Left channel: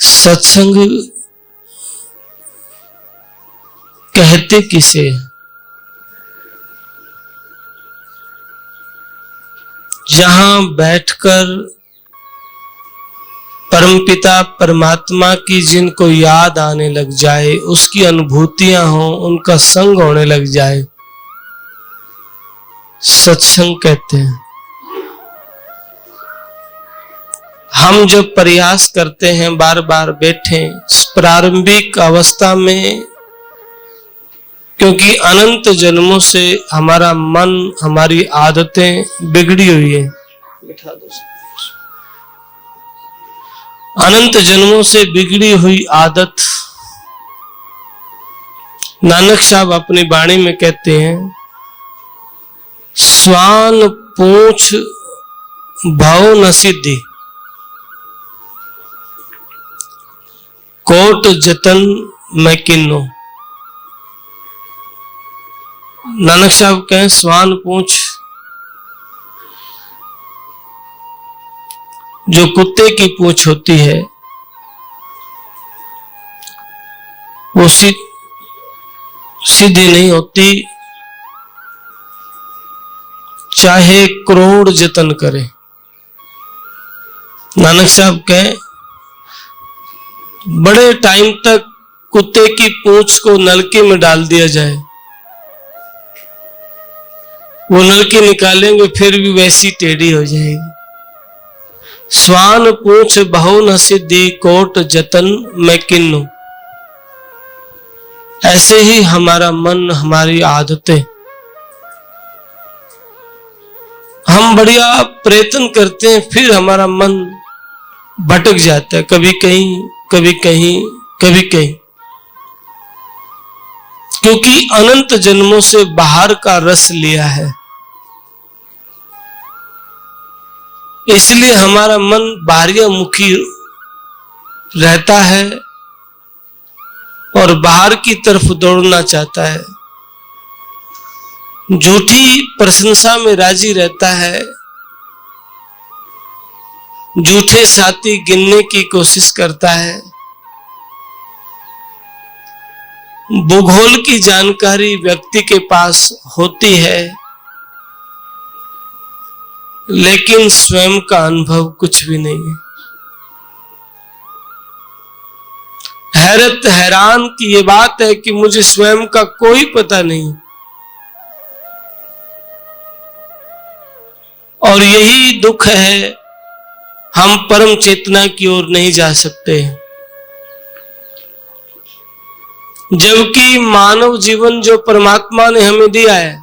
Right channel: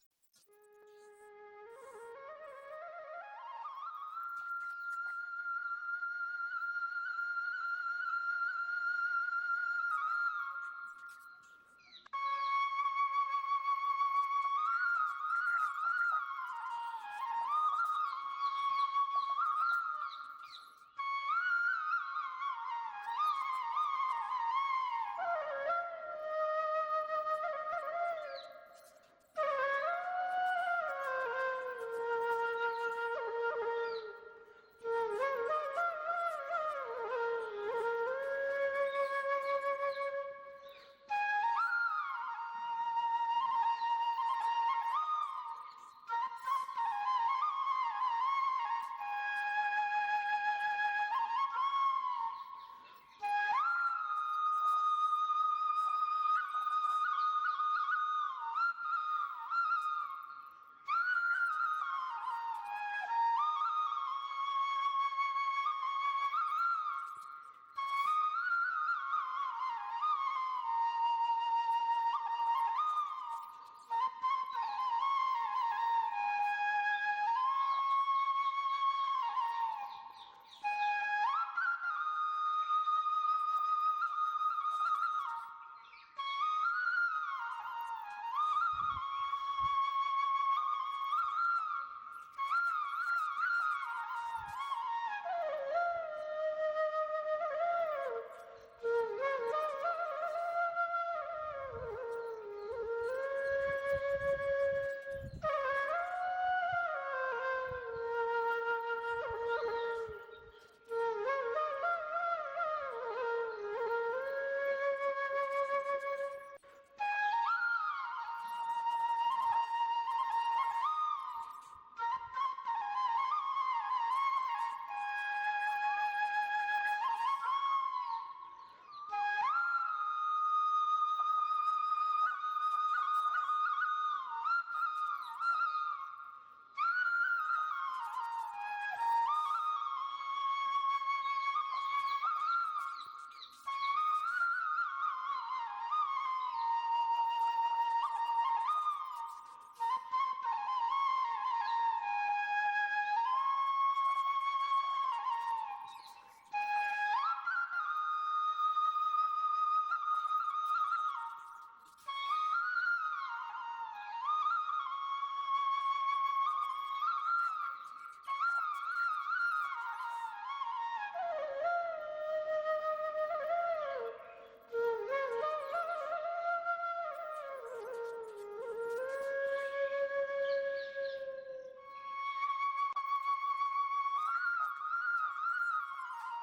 सत्संग कहते किसे? जहां बैठकर परमपिता परमात्मा की जिनको याद आने लग जाए, उसकी अनुभूतियां हो, उनका संग होने लग जाए, सत्संग कहते हैं। हम जब प्रयास करते हैं बार बार बैठे प्रारंभिक अवस्था में, क्योंकि अनंत जन्मों से हमारा मन, हमारी आदतें बिगड़ी हुई है। अनंत जन्मों से बिगड़ी हुई आदत, नानक साहब अपनी वाणी में कहते हैं, स्वान पूछ भाव न सिद्धि, कोट जतन मैं किन्नो। नानक साहब कहें स्वान पूछ, जो कुत्ते की पूंछ होती है वो सीधी नहीं होती, चाहे करोड़ जतन करे। नानक साहब कहें बड़े टाइम तक कुत्ते की पूंछ को नलके में डाल दिया जाए, वो नलके निकालेंगे फिर भी वैसी टेढ़ी हो जाएगी। स्वान पूछ बहु न सिद्धि, कोट जतन मैं किन्नु। ऐसे ही हमारा मन, हमारी आदतें, हम बढ़िया प्रयत्न करते हैं, फिर हमारा मन भटक जाता है, कभी कहीं कभी कहीं कभी कहीं, क्योंकि अनंत जन्मों से बाहर का रस लिया है। इसलिए हमारा मन बाह्यमुखी रहता है और बाहर की तरफ दौड़ना चाहता है, झूठी प्रशंसा में राजी रहता है, झूठे साथी गिनने की कोशिश करता है, भूगोल की जानकारी व्यक्ति के पास होती है, लेकिन स्वयं का अनुभव कुछ भी नहीं है। हैरत हैरान की ये बात है कि मुझे स्वयं का कोई पता नहीं, और यही दुख है, हम परम चेतना की ओर नहीं जा सकते। जबकि मानव जीवन जो परमात्मा ने हमें दिया है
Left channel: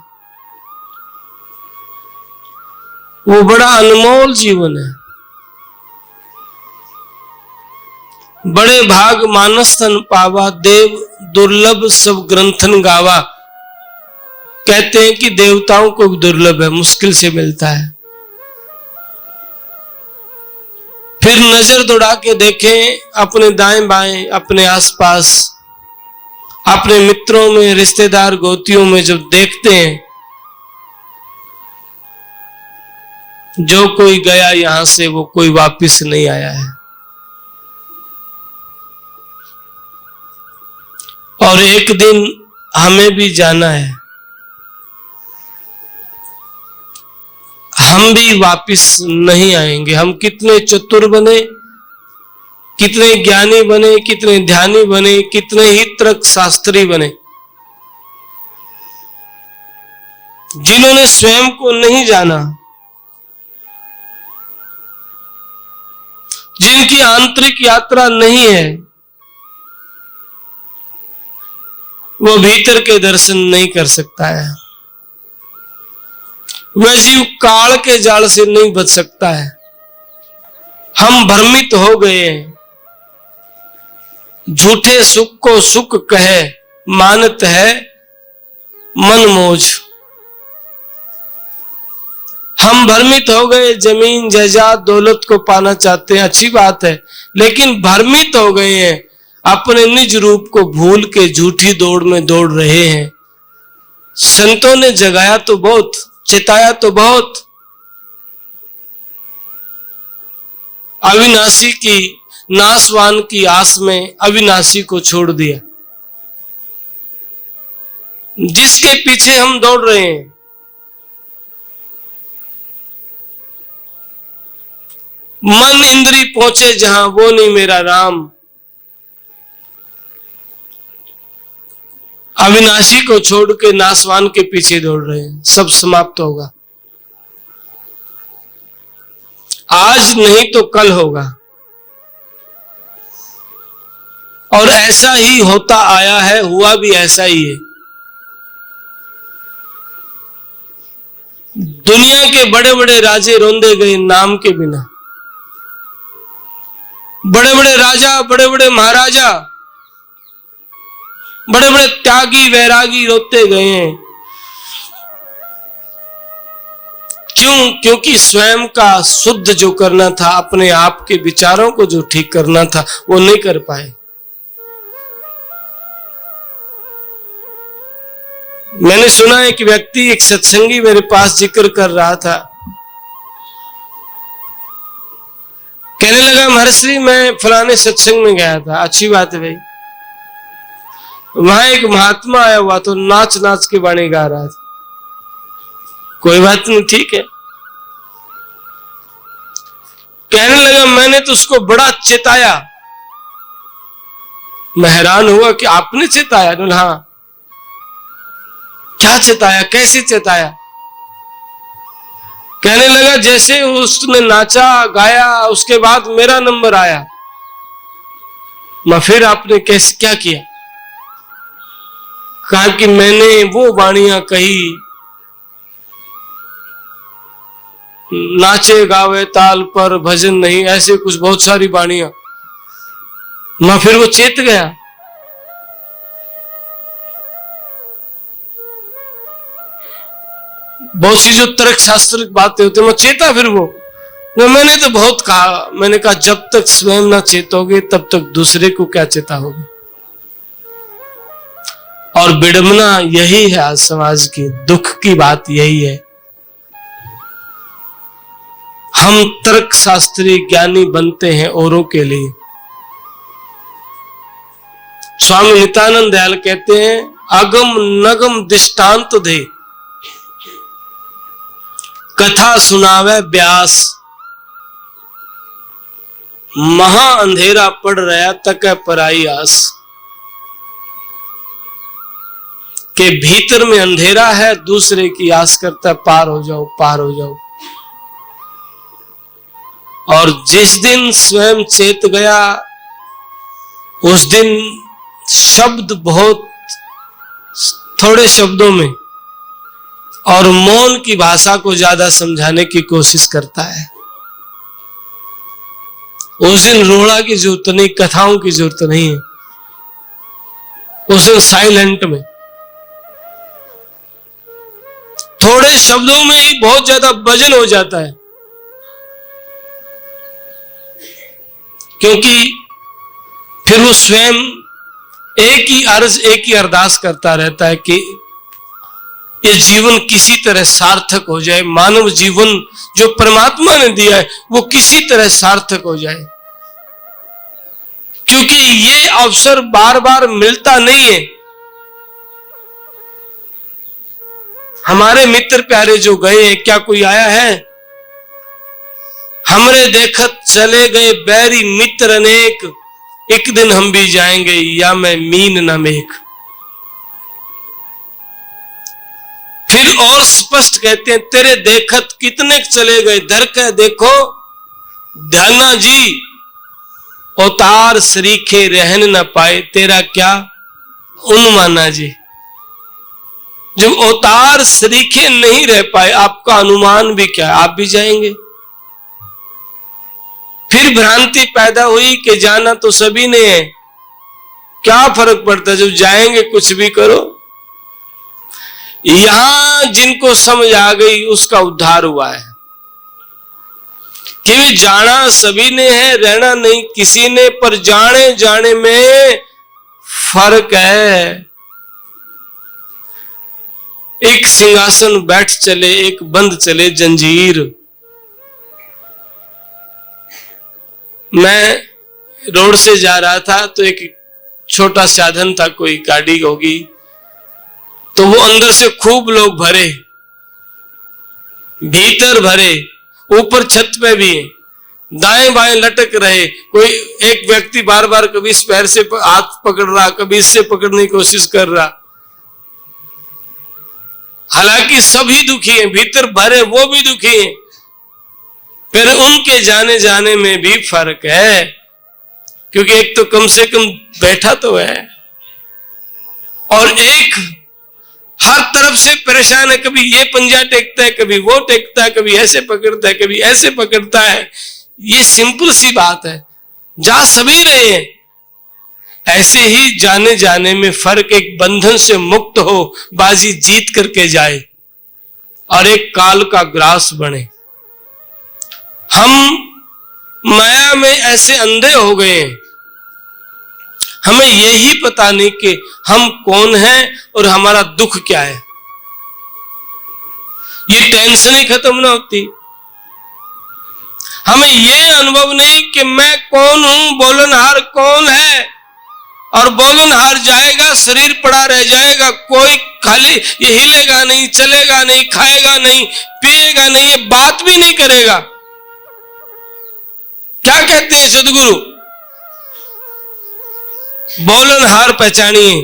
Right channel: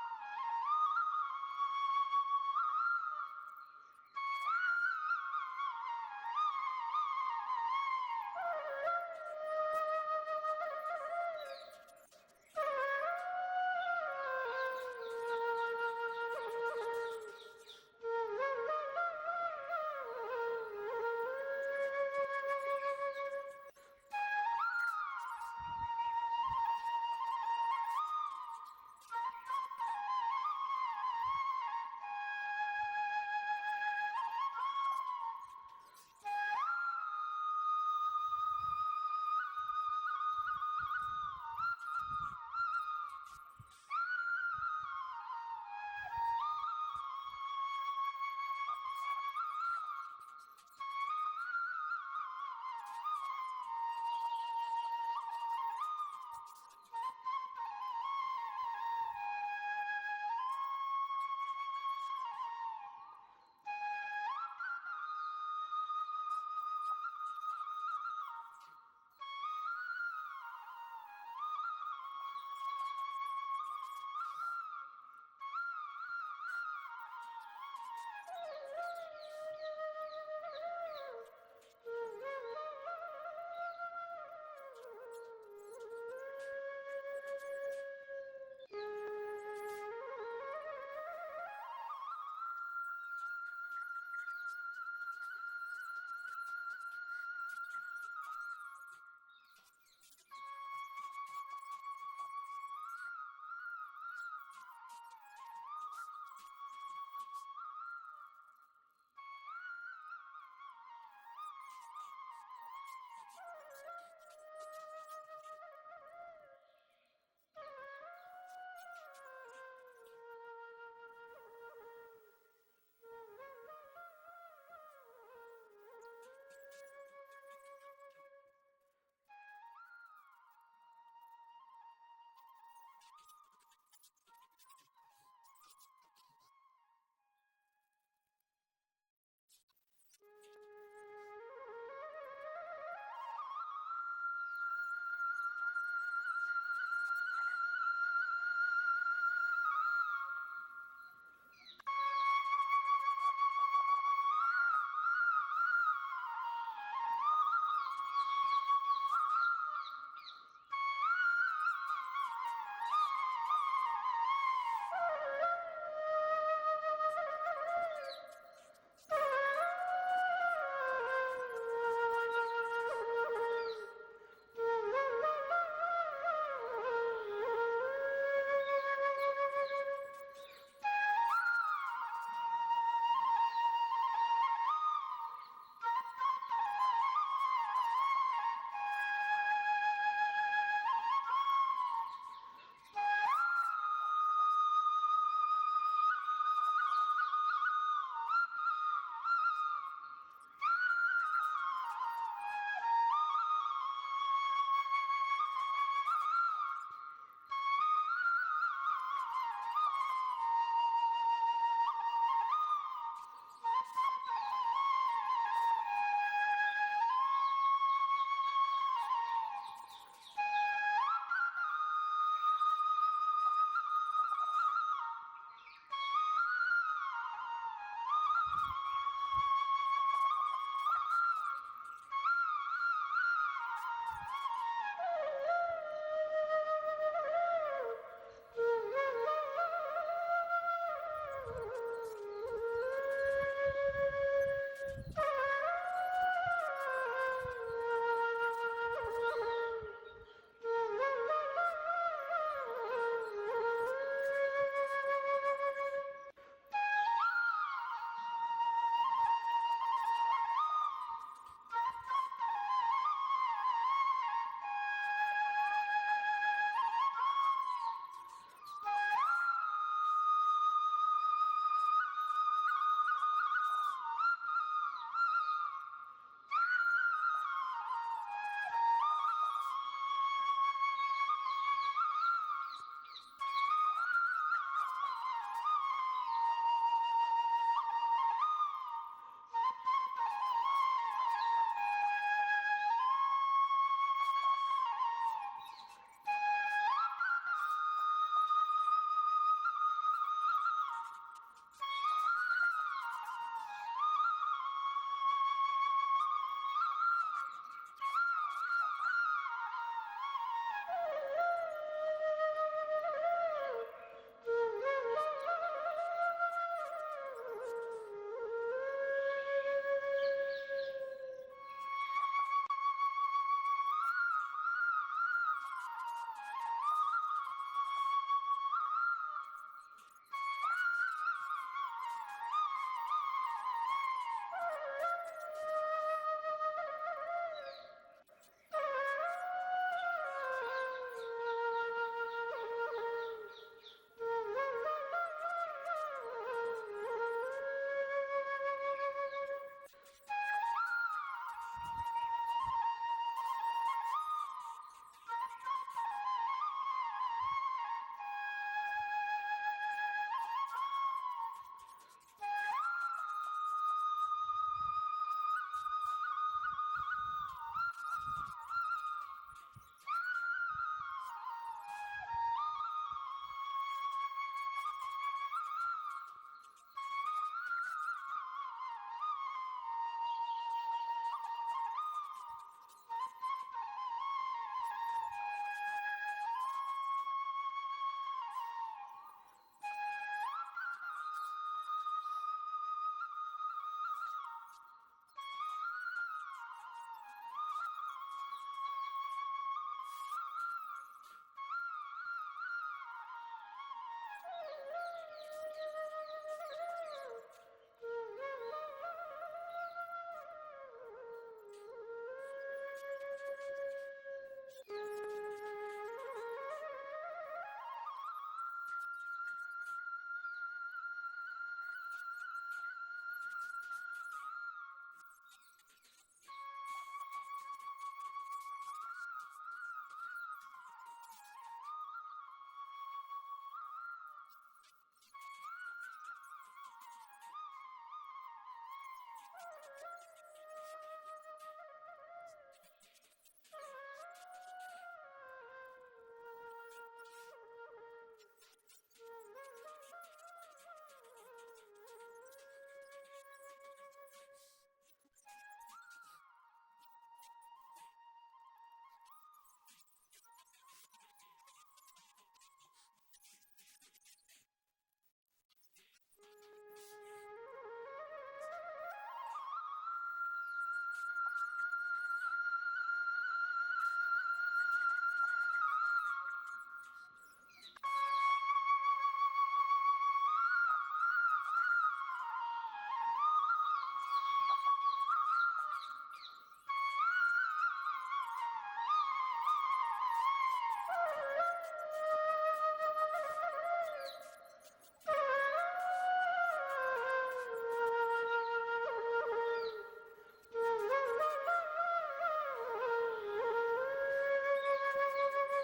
वो बड़ा अनमोल जीवन है। बड़े भाग मानस तन पावा, देव दुर्लभ सब ग्रंथन गावा। कहते हैं कि देवताओं को दुर्लभ है, मुश्किल से मिलता है। फिर नजर दौड़ा के देखें अपने दाएं बाएं, अपने आसपास, अपने मित्रों में, रिश्तेदार गोतियों में जब देखते हैं, जो कोई गया यहां से वो कोई वापस नहीं आया है। और एक दिन हमें भी जाना है, हम भी वापस नहीं आएंगे। हम कितने चतुर बने, कितने ज्ञानी बने, कितने ध्यानी बने, कितने ही तर्क शास्त्री बने, जिन्होंने स्वयं को नहीं जाना, जिनकी आंतरिक यात्रा नहीं है, वो भीतर के दर्शन नहीं कर सकता है। वह जीव काल के जाल से नहीं बच सकता है। हम भ्रमित हो गए हैं, झूठे सुख को सुख कहे मानत है मन मौज। हम भ्रमित हो गए, जमीन जायदाद दौलत को पाना चाहते हैं, अच्छी बात है, लेकिन भ्रमित हो गए हैं, अपने निज रूप को भूल के झूठी दौड़ में दौड़ रहे हैं। संतों ने जगाया तो बहुत, चिताया तो बहुत, अविनाशी की नासवान की आस में अविनाशी को छोड़ दिया। जिसके पीछे हम दौड़ रहे हैं, मन इंद्री पहुंचे जहां, वो नहीं मेरा राम। अविनाशी को छोड़ के नासवान के पीछे दौड़ रहे हैं, सब समाप्त होगा। आज नहीं तो कल होगा, और ऐसा ही होता आया है, हुआ भी ऐसा ही है। दुनिया के बड़े बड़े राजे रोंदे गए नाम के बिना। बड़े बड़े राजा, बड़े बड़े महाराजा, बड़े बड़े त्यागी वैरागी रोते गए हैं। क्यों? क्योंकि स्वयं का शुद्ध जो करना था, अपने आप के विचारों को जो ठीक करना था, वो नहीं कर पाए। मैंने सुना एक व्यक्ति, एक सत्संगी मेरे पास जिक्र कर रहा था, कहने लगा महर्षि मैं फलाने सत्संग में गया था। अच्छी बात है भाई। वहां एक महात्मा आया हुआ तो नाच नाच के वाणी गा रहा था। कोई बात नहीं, ठीक है। कहने लगा मैंने तो उसको बड़ा चेताया। मैं हैरान हुआ कि आपने चेताया? हाँ। क्या चेताया, कैसे चेताया? कहने लगा जैसे उसने नाचा गाया, उसके बाद मेरा नंबर आया। मैं फिर आपने कैसे क्या किया? कहा कि मैंने वो वाणियां कही, नाचे गावे ताल पर भजन नहीं, ऐसे कुछ बहुत सारी वाणियां। मैं फिर वो चेत गया। बहुत सी जो तर्क शास्त्र बातें होती है, मैं चेता फिर वो। मैंने तो बहुत कहा, मैंने कहा जब तक स्वयं ना चेतोगे तब तक दूसरे को क्या चेता होगा। और विडंबना यही है आज समाज की, दुख की बात यही है। हम तर्क शास्त्री ज्ञानी बनते हैं औरों के लिए। स्वामी नित्यानंद दयाल कहते हैं अगम नगम दृष्टांत दे, कथा सुनावे व्यास। महा अंधेरा पड़ रहा तक पराई आस। के भीतर में अंधेरा है, दूसरे की आस करता है पार हो जाओ, पार हो जाओ। और जिस दिन स्वयं चेत गया, उस दिन शब्द बहुत थोड़े शब्दों में और मौन की भाषा को ज्यादा समझाने की कोशिश करता है। उस दिन रोड़ा की जरूरत नहीं, कथाओं की जरूरत नहीं है। उस दिन साइलेंट में थोड़े शब्दों में ही बहुत ज्यादा वजन हो जाता है। क्योंकि फिर वो स्वयं एक ही अर्ज, एक ही अरदास करता रहता है कि ये जीवन किसी तरह सार्थक हो जाए। मानव जीवन जो परमात्मा ने दिया है वो किसी तरह सार्थक हो जाए, क्योंकि ये अवसर बार बार मिलता नहीं है। हमारे मित्र प्यारे जो गए हैं, क्या कोई आया है? हमरे देखत चले गए बैरी मित्र अनेक, एक दिन हम भी जाएंगे या मैं मीन न मेघ। फिर और स्पष्ट कहते हैं तेरे देखत कितने चले गए, धर के देखो ध्याना जी, अवतार सरीखे रहन न पाए, तेरा क्या अनुमाना जी। जब अवतार सरीखे नहीं रह पाए, आपका अनुमान भी क्या, आप भी जाएंगे। फिर भ्रांति पैदा हुई कि जाना तो सभी ने है, क्या फर्क पड़ता, जब जाएंगे कुछ भी करो। यहां जिनको समझ आ गई उसका उद्धार हुआ है कि जाना सभी ने है, रहना नहीं किसी ने, पर जाने जाने में फर्क है। एक सिंहासन बैठ चले, एक बंद चले जंजीर। मैं रोड से जा रहा था तो एक छोटा साधन था, कोई गाड़ी होगी, तो वो अंदर से खूब लोग भरे, भीतर भरे, ऊपर छत पे भी, दाएं बाएं लटक रहे। कोई एक व्यक्ति बार बार कभी इस पैर से हाथ पकड़ रहा, कभी इससे पकड़ने की कोशिश कर रहा। हालांकि सभी दुखी हैं, भीतर भरे वो भी दुखी हैं, फिर उनके जाने जाने में भी फर्क है, क्योंकि एक तो कम से कम बैठा तो है और एक हर तरफ से परेशान है। कभी ये पंजा टेकता है, कभी वो टेकता है, कभी ऐसे पकड़ता है, कभी ऐसे पकड़ता है। ये सिंपल सी बात है, जा सभी रहे हैं। ऐसे ही जाने जाने में फर्क, एक बंधन से मुक्त हो, बाजी जीत करके जाए और एक काल का ग्रास बने। हम माया में ऐसे अंधे हो गए हैं, हमें यही पता नहीं कि हम कौन हैं और हमारा दुख क्या है। ये टेंशन ही खत्म ना होती। हमें ये अनुभव नहीं कि मैं कौन हूं, बोलनहार कौन है, और बोलनहार जाएगा, शरीर पड़ा रह जाएगा, कोई खाली ये हिलेगा नहीं, चलेगा नहीं, खाएगा नहीं, पिएगा नहीं, ये बात भी नहीं करेगा। क्या कहते हैं सदगुरु? बोलनहार पहचानिए।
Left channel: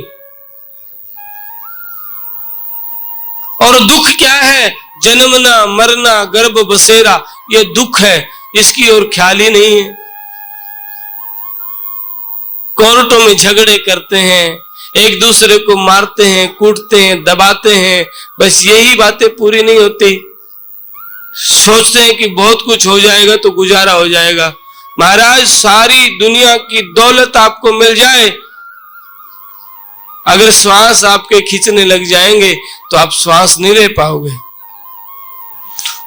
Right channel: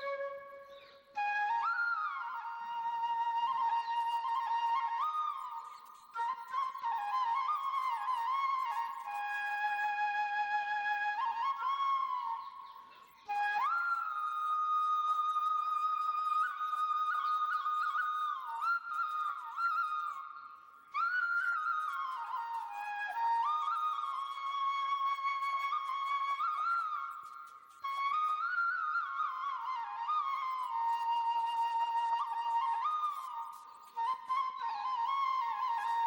और दुख क्या है? जन्मना, मरना, गर्भ बसेरा, ये दुख है, इसकी ओर ख्याल ही नहीं है। कोर्टों में झगड़े करते हैं, एक दूसरे को मारते हैं, कूटते हैं, दबाते हैं, बस यही बातें पूरी नहीं होती। सोचते हैं कि बहुत कुछ हो जाएगा तो गुजारा हो जाएगा। महाराज, सारी दुनिया की दौलत आपको मिल जाए, अगर श्वास आपके खींचने लग जाएंगे तो आप श्वास नहीं ले पाओगे।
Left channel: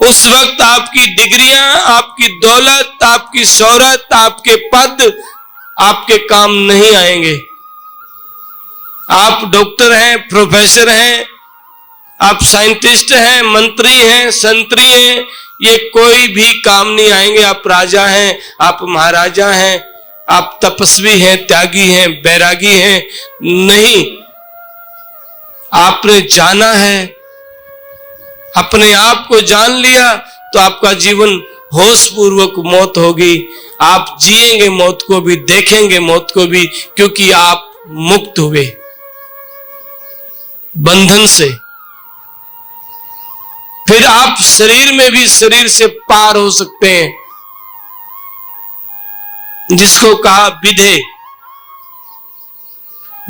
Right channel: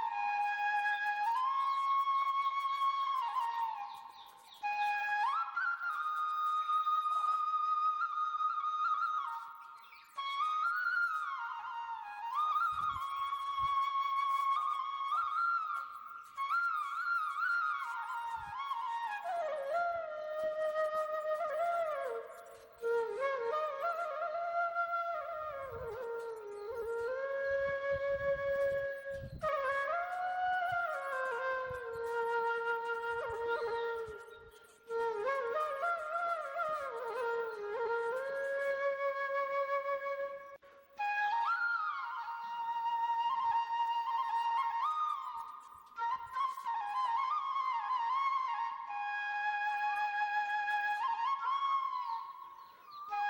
उस वक्त आपकी डिग्रियां, आपकी दौलत, आपकी शोहरत, आपके पद आपके काम नहीं आएंगे। आप डॉक्टर हैं, प्रोफेसर हैं, आप साइंटिस्ट हैं, मंत्री हैं, संतरी हैं, ये कोई भी काम नहीं आएंगे। आप राजा हैं, आप महाराजा हैं, आप तपस्वी हैं, त्यागी हैं, बैरागी हैं, नहीं। आपने जाना है, अपने आप को जान लिया तो आपका जीवन होश पूर्वक मौत होगी। आप जिएंगे मौत को भी, देखेंगे मौत को भी, क्योंकि आप मुक्त हुए बंधन से। फिर आप शरीर में भी शरीर से पार हो सकते हैं, जिसको कहा विधे।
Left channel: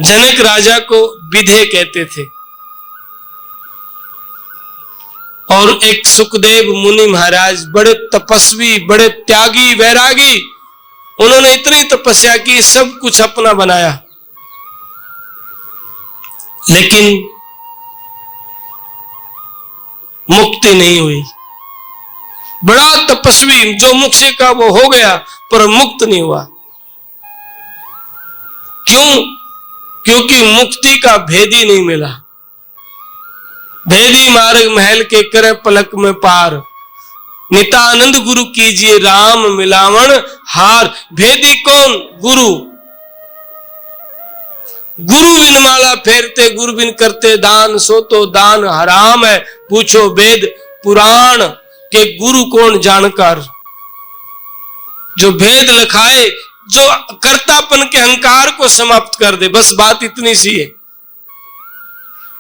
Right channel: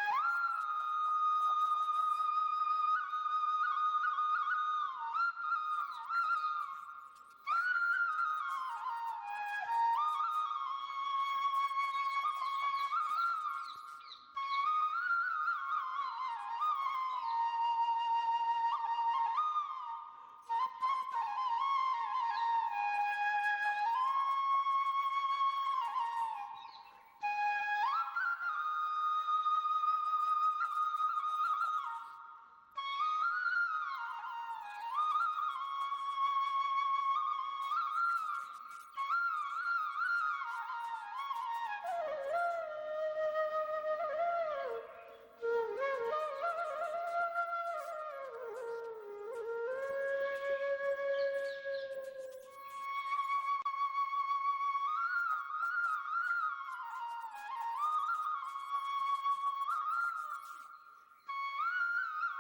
जनक राजा को विधे कहते थे, और एक सुखदेव मुनि महाराज, बड़े तपस्वी, बड़े त्यागी, वैरागी, उन्होंने इतनी तपस्या की, सब कुछ अपना बनाया, लेकिन मुक्ति नहीं हुई। बड़ा तपस्वी, जो मुख से कहा वो हो गया, पर मुक्त नहीं हुआ। क्यों? क्योंकि मुक्ति का भेद ही नहीं मिला। भेदी मार्ग महल के करे पलक में पार, नितानंद गुरु कीजिए राम मिलावण हार। भेदी कौन? गुरु। गुरु बिन माला फेरते, गुरु बिन करते दान, सो तो दान हराम है। पूछो वेद पुराण के गुरु कौन जानकार। जो भेद लिखाए, जो कर्तापन के अहंकार को समाप्त कर दे, बस बात इतनी सी है।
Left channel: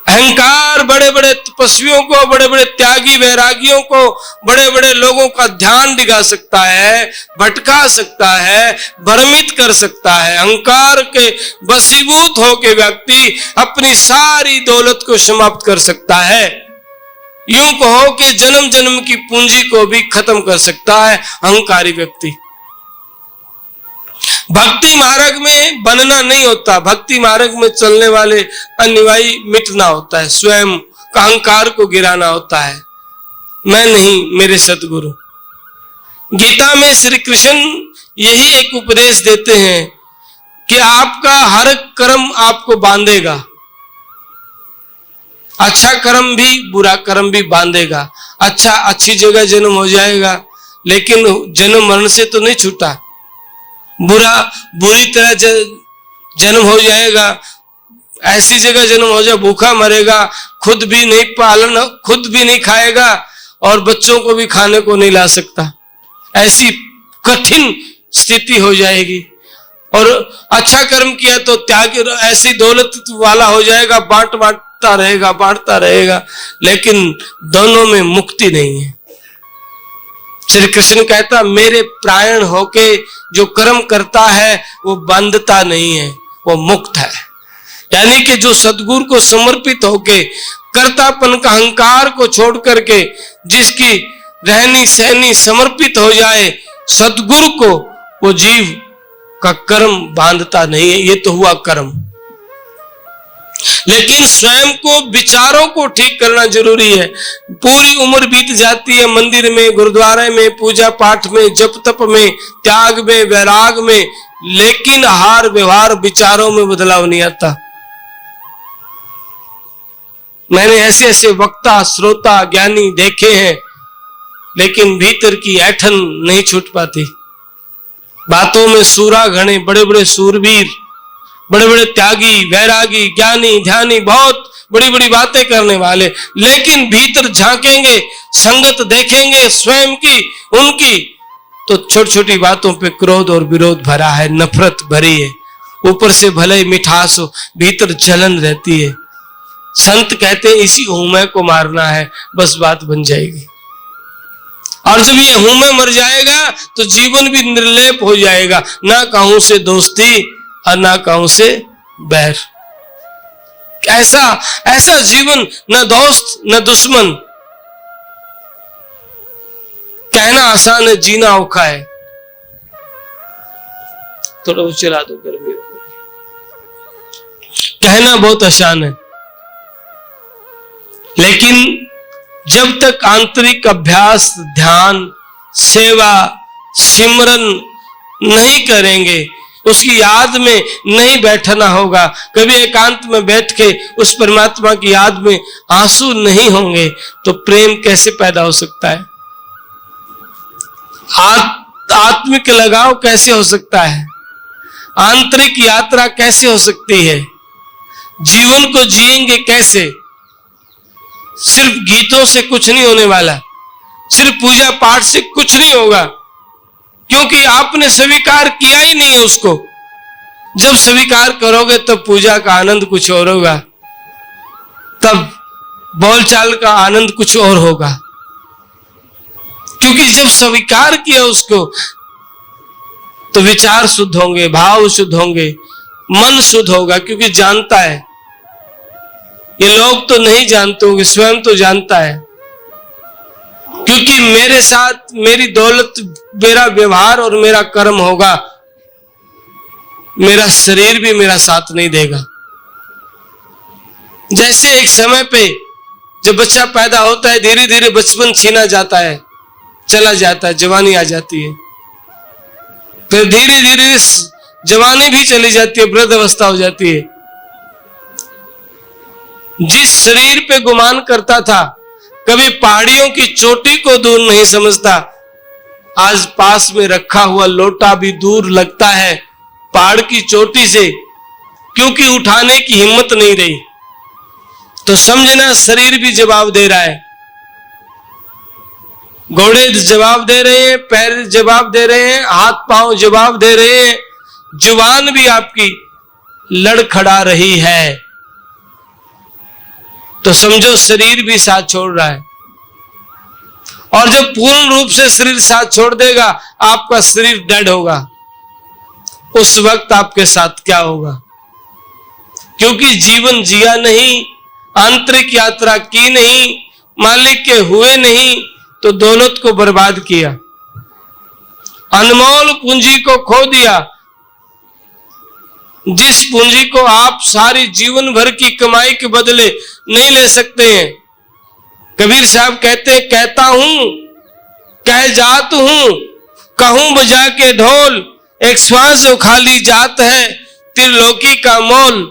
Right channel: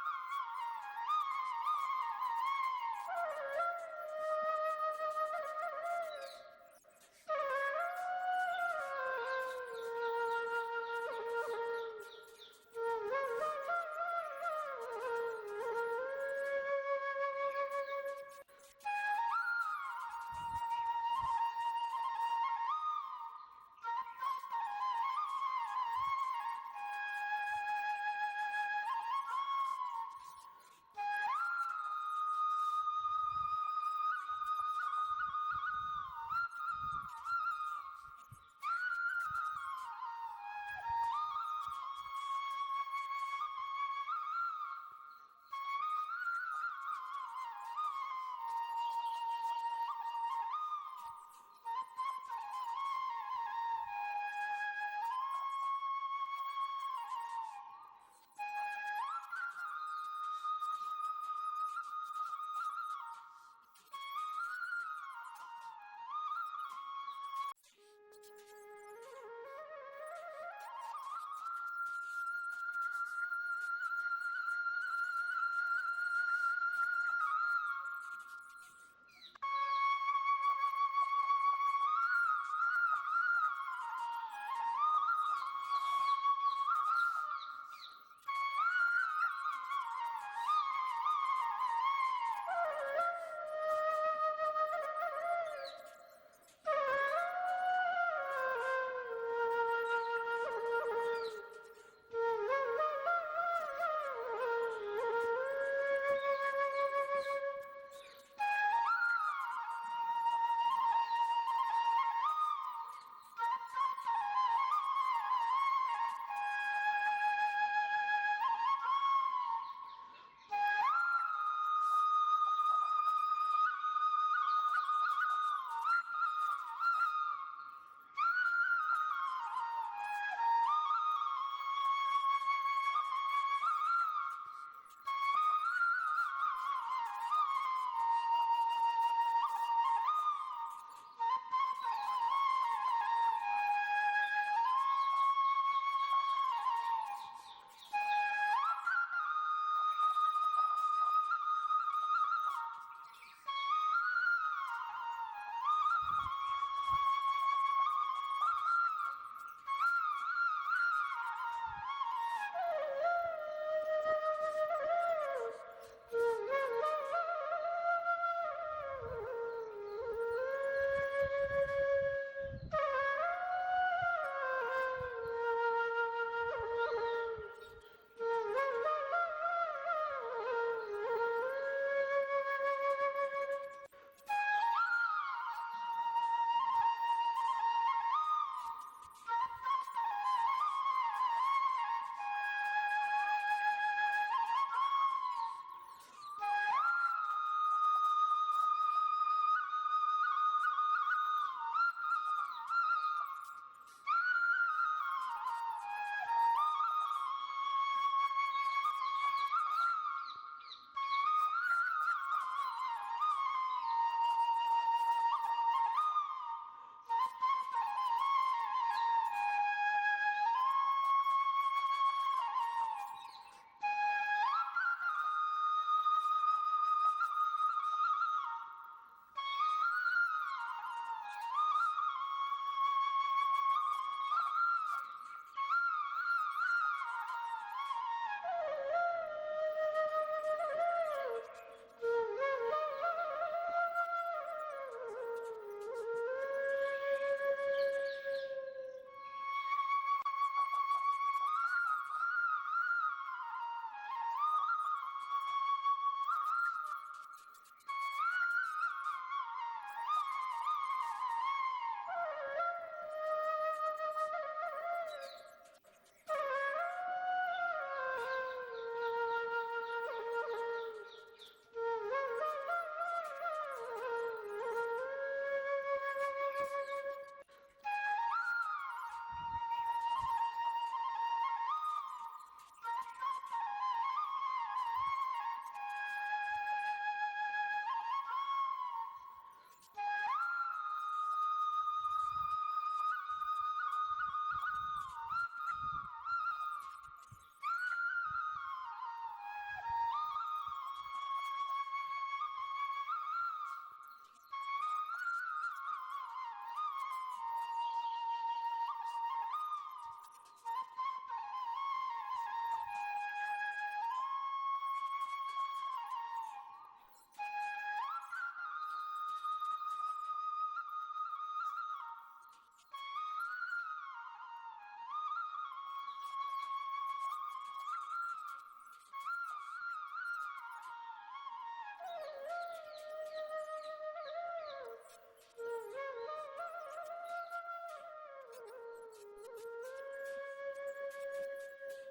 अहंकार बड़े बड़े तपस्वियों को, बड़े बड़े त्यागी वैरागियों को, बड़े बड़े लोगों का ध्यान दिखा सकता है, भटका सकता है, भ्रमित कर सकता है। अहंकार के वशीभूत होकर व्यक्ति अपनी सारी दौलत को समाप्त कर सकता है। यूं कहो कि जन्म जन्म की पूंजी को भी खत्म कर सकता है अहंकारी व्यक्ति। भक्ति मार्ग में बनना नहीं होता, भक्ति मार्ग में चलने वाले अनुयायी मिटना होता है, स्वयं का अहंकार को गिराना होता है। मैं नहीं, मेरे सतगुरु। गीता में श्री कृष्ण यही एक उपदेश देते हैं कि आपका हर कर्म आपको बांधेगा, अच्छा कर्म भी बुरा कर्म भी बांधेगा। अच्छा, अच्छी जगह जन्म हो जाएगा, लेकिन जन्म मरण से तो नहीं छूटा। बुरी तरह जन्म हो जाएगा, ऐसी जगह जन्म हो जाए भूखा मरेगा, खुद भी नहीं खाएगा और बच्चों को भी खाने को नहीं ला सकता, ऐसी कठिन स्थिति हो जाएगी। और अच्छा कर्म किया तो त्याग ऐसी दौलत वाला हो जाएगा, बांटता रहेगा, लेकिन दोनों में मुक्ति नहीं है। श्री कृष्ण कहता मेरे प्राण होके जो कर्म करता है वो बंधता नहीं है, वो मुक्त है। यानी कि जो सद्गुरु को समर्पित होके कर्तापन का अहंकार को छोड़ करके जिसकी रहनी सहनी समर्पित हो जाए सद्गुरु को, वो जीव का कर्म बांधता नहीं है। ये तो हुआ कर्म, लेकिन स्वयं को विचारों को ठीक करना जरूरी है। पूरी उम्र बीत जाती है मंदिर में, गुरुद्वारे में, पूजा पाठ में, जप तप में, त्याग में, वैराग में, लेकिन आहार व्यवहार विचारों में बदलाव नहीं आता। मैंने ऐसे ऐसे वक्ता श्रोता ज्ञानी देखे हैं, लेकिन भीतर की ऐठन नहीं छूट पाती। बातों में सूरा घने, बड़े बड़े सूरवीर, बड़े बड़े त्यागी, वैरागी, ज्ञानी, ध्यानी, बहुत बड़ी बड़ी बातें करने वाले, लेकिन भीतर झांकेंगे, संगत देखेंगे स्वयं की उनकी, तो छोटी छोटी बातों पे क्रोध और विरोध भरा है, नफरत भरी है। ऊपर से भले ही मिठास हो, भीतर जलन रहती है। संत कहते हैं इसी हूमे को मारना है, बस बात बन जाएगी। और जब ये हूमे मर जाएगा तो जीवन भी निर्लेप हो जाएगा, ना कहूं से दोस्ती और ना कहूं से बैर। ऐसा जीवन, न दोस्त न दुश्मन, कहना आसान है, जीना औखा है। थोड़ा चला दो गर्मी, कहना बहुत आसान है, लेकिन जब तक आंतरिक अभ्यास, ध्यान, सेवा, सिमरन नहीं करेंगे, उसकी याद में नहीं बैठना होगा, कभी एकांत में बैठ के उस परमात्मा की याद में आंसू नहीं होंगे, तो प्रेम कैसे पैदा हो सकता है? आत्मिक लगाव कैसे हो सकता है? आंतरिक यात्रा कैसे हो सकती है? जीवन को जिएंगे कैसे? सिर्फ गीतों से कुछ नहीं होने वाला, सिर्फ पूजा पाठ से कुछ नहीं होगा, क्योंकि आपने स्वीकार किया ही नहीं है उसको। जब स्वीकार करोगे तब पूजा का आनंद कुछ और होगा, तब बोलचाल का आनंद कुछ और होगा, क्योंकि जब स्वीकार किया उसको तो विचार शुद्ध होंगे, भाव शुद्ध होंगे, मन शुद्ध होगा, क्योंकि जानता है। ये लोग तो नहीं जानते होंगे, स्वयं तो जानता है, क्योंकि मेरे साथ मेरी दौलत, मेरा व्यवहार और मेरा कर्म होगा, मेरा शरीर भी मेरा साथ नहीं देगा। जैसे एक समय पे जब बच्चा पैदा होता है, धीरे धीरे बचपन छीना जाता है, चला जाता है, जवानी आ जाती है, फिर धीरे धीरे जवानी भी चली जाती है, वृद्ध अवस्था हो जाती है। जिस शरीर पे गुमान करता था, कभी पहाड़ियों की चोटी को दूर नहीं समझता, आज पास में रखा हुआ लोटा भी दूर लगता है पहाड़ की चोटी से, क्योंकि उठाने की हिम्मत नहीं रही। तो समझना शरीर भी जवाब दे रहा है, घोड़े जवाब दे रहे हैं, पैर जवाब दे रहे हैं, हाथ पांव जवाब दे रहे हैं, जुबान भी आपकी लड़खड़ा रही है, तो समझो शरीर भी साथ छोड़ रहा है। और जब पूर्ण रूप से शरीर साथ छोड़ देगा, आपका शरीर डेड होगा, उस वक्त आपके साथ क्या होगा? क्योंकि जीवन जिया नहीं, आंतरिक यात्रा की नहीं, मालिक के हुए नहीं, तो दौलत को बर्बाद किया, अनमोल पूंजी को खो दिया, जिस पूंजी को आप सारी जीवन भर की कमाई के बदले नहीं ले सकते हैं। कबीर साहब कहते हैं, कहता हूं कह जात हूं, कहूं बजा के ढोल, एक श्वास जो खाली जात है त्रिलोकी का मोल।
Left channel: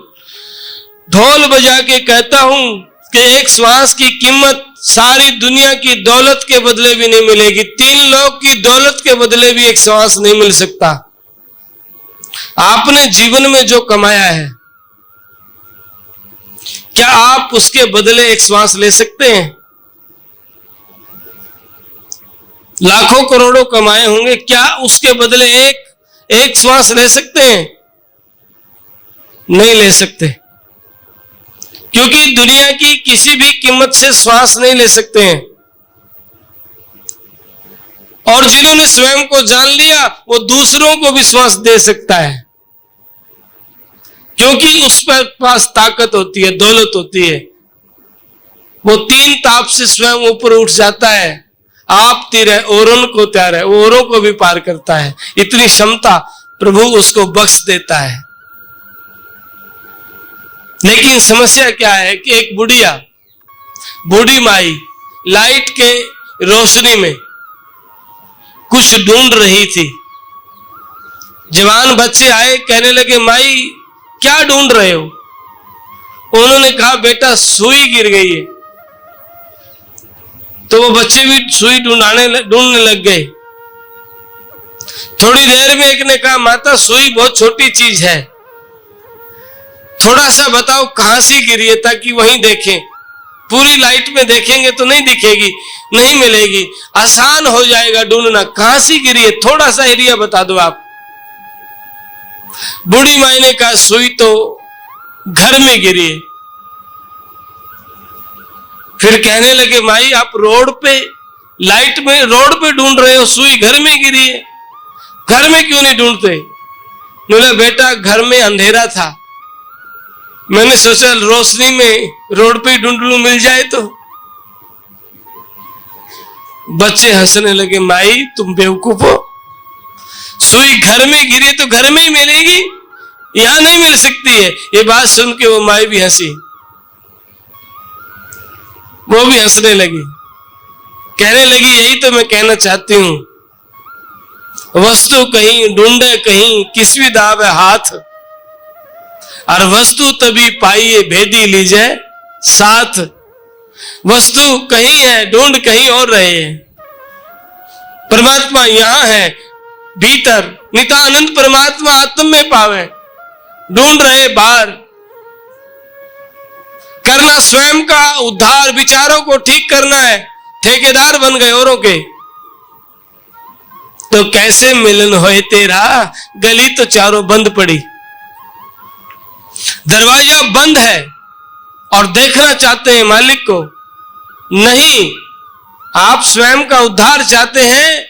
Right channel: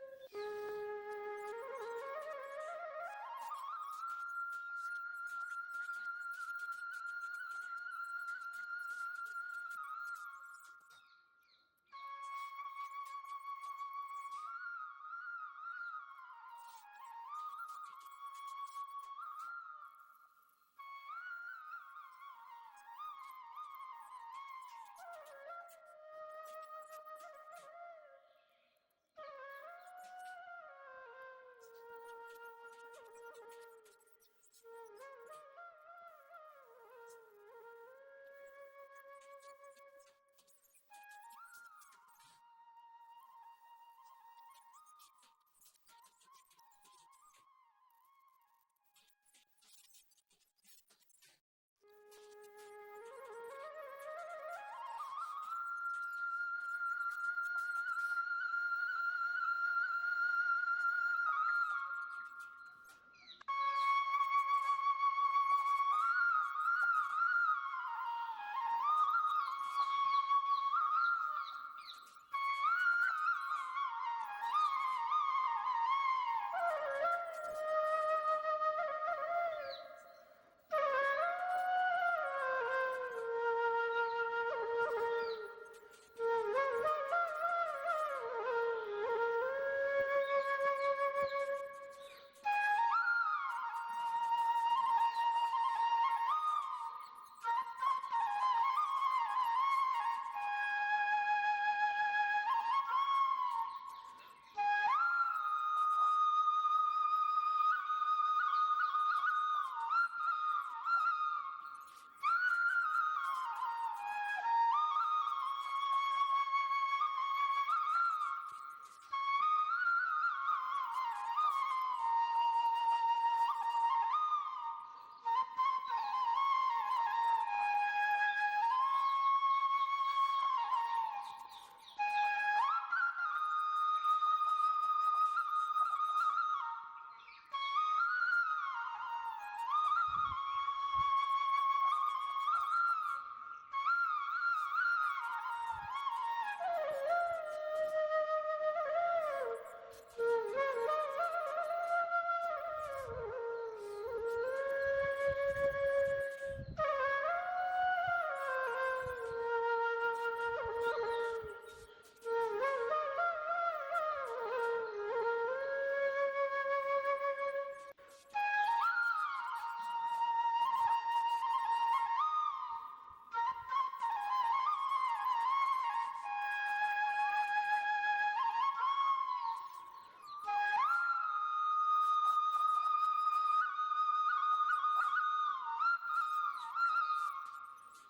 ढोल बजा के कहता हूं कि एक श्वास की कीमत सारी दुनिया की दौलत के बदले भी नहीं मिलेगी, 3 लोग की दौलत के बदले भी एक श्वास नहीं मिल सकता। आपने जीवन में जो कमाया है, क्या आप उसके बदले एक श्वास ले सकते हैं? लाखों करोड़ों कमाए होंगे, क्या उसके बदले एक श्वास ले सकते हैं? नहीं ले सकते, क्योंकि दुनिया की किसी भी कीमत से श्वास नहीं ले सकते हैं। और जिन्होंने स्वयं को जान लिया वो दूसरों को भी श्वास दे सकता है, क्योंकि उस पर पास ताकत होती है, दौलत होती है। वो 3 ताप से स्वयं ऊपर उठ जाता है। आप तीर है, औरों को त्यार है, वो औरों को भी पार करता है। इतनी क्षमता प्रभु उसको बख्श देता है। लेकिन समस्या क्या है कि एक बूढ़ी माई लाइट के रोशनी में कुछ ढूंढ रही थी। जवान बच्चे आए, कहने लगे, माई क्या ढूंढ रहे हो? उन्होंने कहा, बेटा सुई गिर गई है। तो वो बच्चे भी सुई ढूंढने लग गए। थोड़ी देर में एक ने कहा, माता सुई बहुत छोटी चीज है, थोड़ा सा बताओ कहां से गिरी है, ताकि वहीं देखें। पूरी लाइट में देखेंगे तो नहीं दिखेगी, नहीं मिलेगी, आसान हो जाएगा ढूंढना। कहां से गिरी है, थोड़ा सा एरिया बता दो आप। बूढ़ी माई ने कहा, सुई तो घर में गिरी है। फिर कहने लगे, माई आप रोड पे लाइट में रोड पे ढूंढ रहे हो, सुई घर में गिरी है, घर में क्यों नहीं ढूंढते? बोला, बेटा घर में अंधेरा था, मैंने सोचा रोशनी में रोड पे ढूंढ लूं, मिल जाए तो। बच्चे हंसने लगे, माई तुम बेवकूफ हो, सुई घर में गिरी तो घर में ही मिलेगी, यहां नहीं मिल सकती है। ये बात सुन के वो माई भी हंसी, वो भी हंसने लगी, कहने लगी, यही तो मैं कहना चाहती हूं, वस्तु कहीं ढूंढे कहीं किसवी दावे हाथ, और वस्तु तभी पाइए भेदी लीजिए साथ। वस्तु कहीं है, ढूंढ कहीं और रहे हैं। परमात्मा यहां है भीतर, नित्यानंद परमात्मा आत्म में पावे, ढूंढ रहे बाहर। करना स्वयं का उद्धार, विचारों को ठीक करना है, ठेकेदार बन गए औरों के। तो कैसे मिलन होए तेरा, गली तो चारों बंद पड़ी, दरवाजा बंद है और देखना चाहते हैं मालिक को। नहीं, आप स्वयं का उद्धार चाहते हैं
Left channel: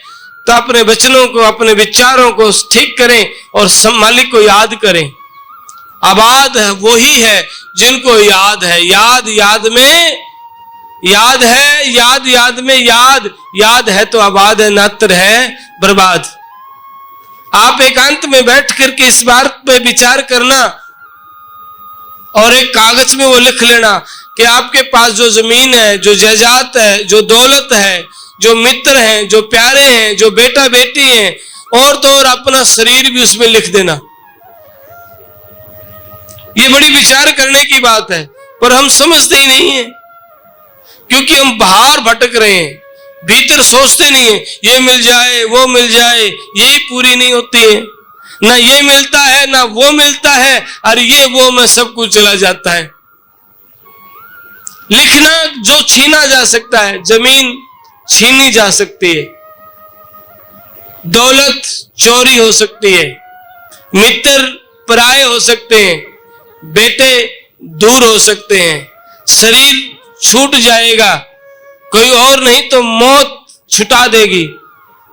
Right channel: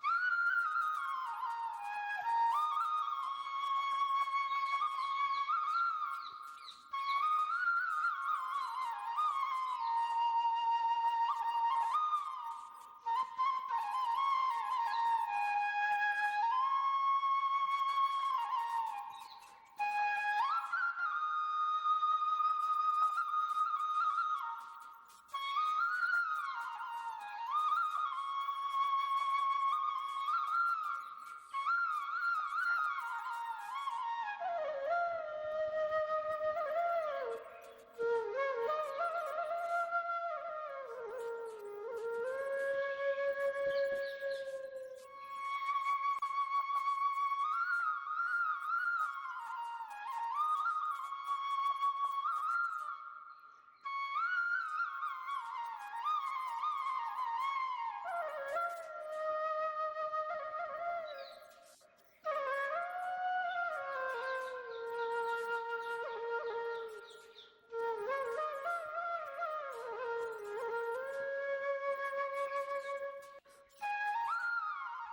तो अपने वचनों को, अपने विचारों को ठीक करें और मालिक को याद करें। आबाद वही है जिनको याद है, याद में याद है, याद में याद है तो आबाद है, नात्र है बर्बाद। आप एकांत में बैठ करके इस बात पे विचार करना और एक कागज में वो लिख लेना कि आपके पास जो जमीन है, जो जायदाद है, जो दौलत है, जो मित्र हैं, जो प्यारे हैं, जो बेटा बेटी हैं, और तो और अपना शरीर भी उसमें लिख देना। ये बड़ी विचार करने की बात है, पर हम समझते ही नहीं है, क्योंकि हम बाहर भटक रहे हैं, भीतर सोचते नहीं है। ये मिल जाए, वो मिल जाए, यही पूरी नहीं होती है, ना ये मिलता है ना वो मिलता है, और ये वो में सब कुछ चला जाता है। लिखना जो छीना जा सकता है, जमीन छीनी जा सकती है, दौलत चोरी हो सकती है, मित्र पराये हो सकते हैं, बेटे दूर हो सकते हैं, शरीर छूट जाएगा, कोई और नहीं तो मौत छुटा देगी।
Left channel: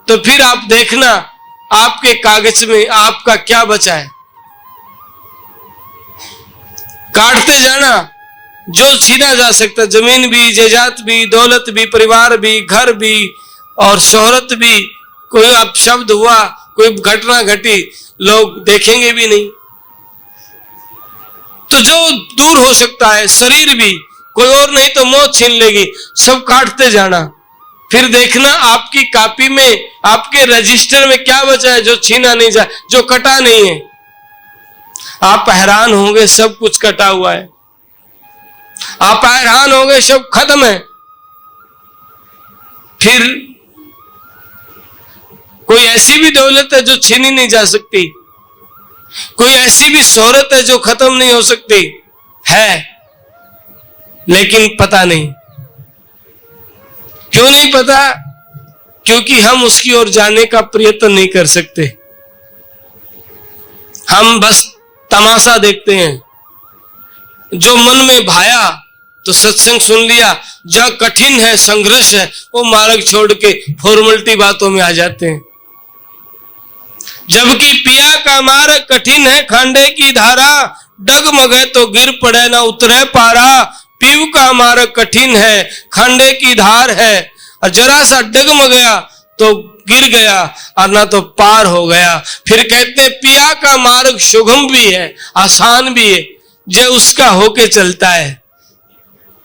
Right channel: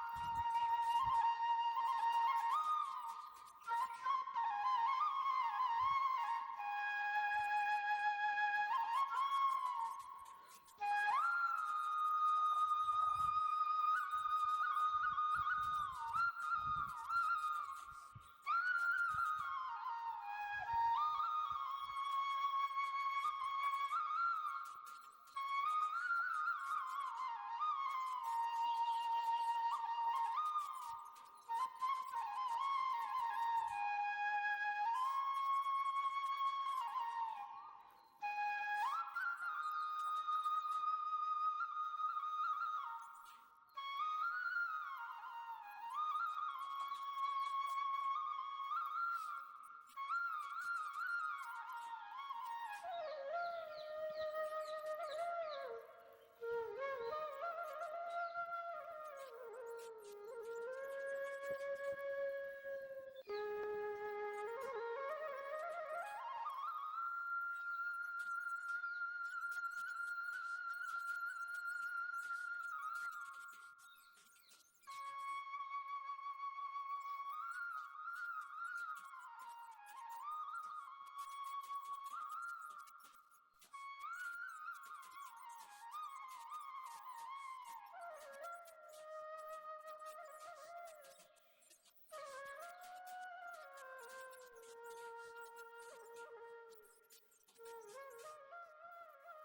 तो फिर आप देखना आपके कागज में आपका क्या बचा है। काटते जाना जो छीना जा सकता, जमीन भी, जायदाद भी, दौलत भी, परिवार भी, घर भी और शोहरत भी। कोई अब शब्द हुआ, कोई घटना घटी, लोग देखेंगे भी नहीं। तो जो दूर हो सकता है, शरीर भी, कोई और नहीं तो मौत छीन लेगी, सब काटते जाना। फिर देखना आपकी कॉपी में, आपके रजिस्टर में क्या बचा है जो छीना नहीं जा, जो कटा नहीं है। आप हैरान होंगे, सब कुछ कटा हुआ है। आप हैरान होंगे, सब खत्म है। फिर कोई ऐसी भी दौलत है जो छीनी नहीं जा सकती, कोई ऐसी भी शोहरत है जो खत्म नहीं हो सकती है, लेकिन पता नहीं। क्यों नहीं पता? क्योंकि हम उसकी ओर जाने का प्रयत्न नहीं कर सकते। हम बस तमाशा देखते हैं। जो मन में भाया तो सत्संग सुन लिया, जहां कठिन है, संघर्ष है, वो मार्ग छोड़ के फॉर्मेलिटी बातों में आ जाते हैं। जबकि पिया का मार्ग कठिन है, खांडे की धारा, डगमगे तो गिर पड़े ना उतरे पारा। पीव का मार्ग कठिन है, खांडे की धार है, और जरा सा डगमगया तो गिर गया और ना तो पार हो गया। फिर कहते पिया का मार्ग सुगम भी है, आसान भी है, जो उसका होके चलता है।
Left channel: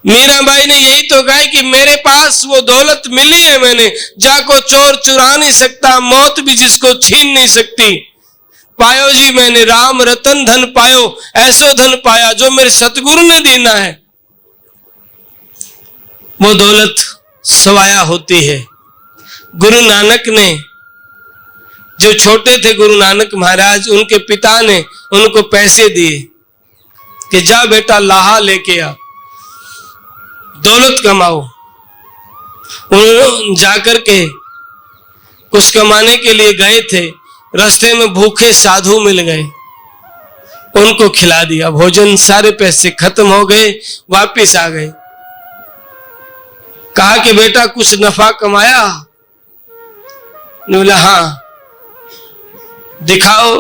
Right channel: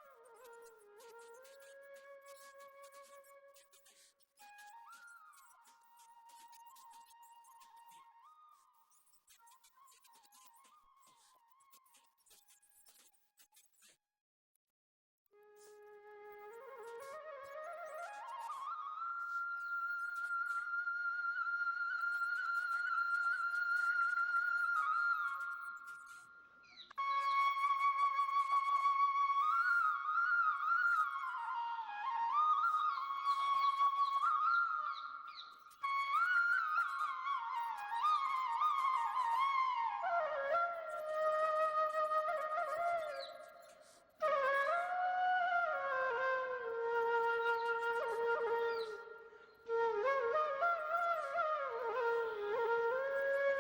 मीराबाई ने यही तो कहा कि मेरे पास वो दौलत मिली है मैंने, जाको चोर चुरा नहीं सकता, मौत भी जिसको छीन नहीं सकती। पायो जी मैंने राम रतन धन पायो, ऐसो धन पाया जो मेरे सतगुरु ने देना है। वो दौलत सवाया होती है। गुरु नानक ने, जो छोटे थे गुरु नानक महाराज, उनके पिता ने उनको पैसे दिए कि जा बेटा लाहा लेके आ, दौलत कमाओ। उन्होंने जाकर के कुछ कमाने के लिए गए थे, रास्ते में भूखे साधु मिल गए, उनको खिला दिया भोजन। सारे पैसे खत्म हो गए, वापिस आ गए। कहा कि बेटा कुछ नफा कमाया? बोला हाँ। दिखाओ?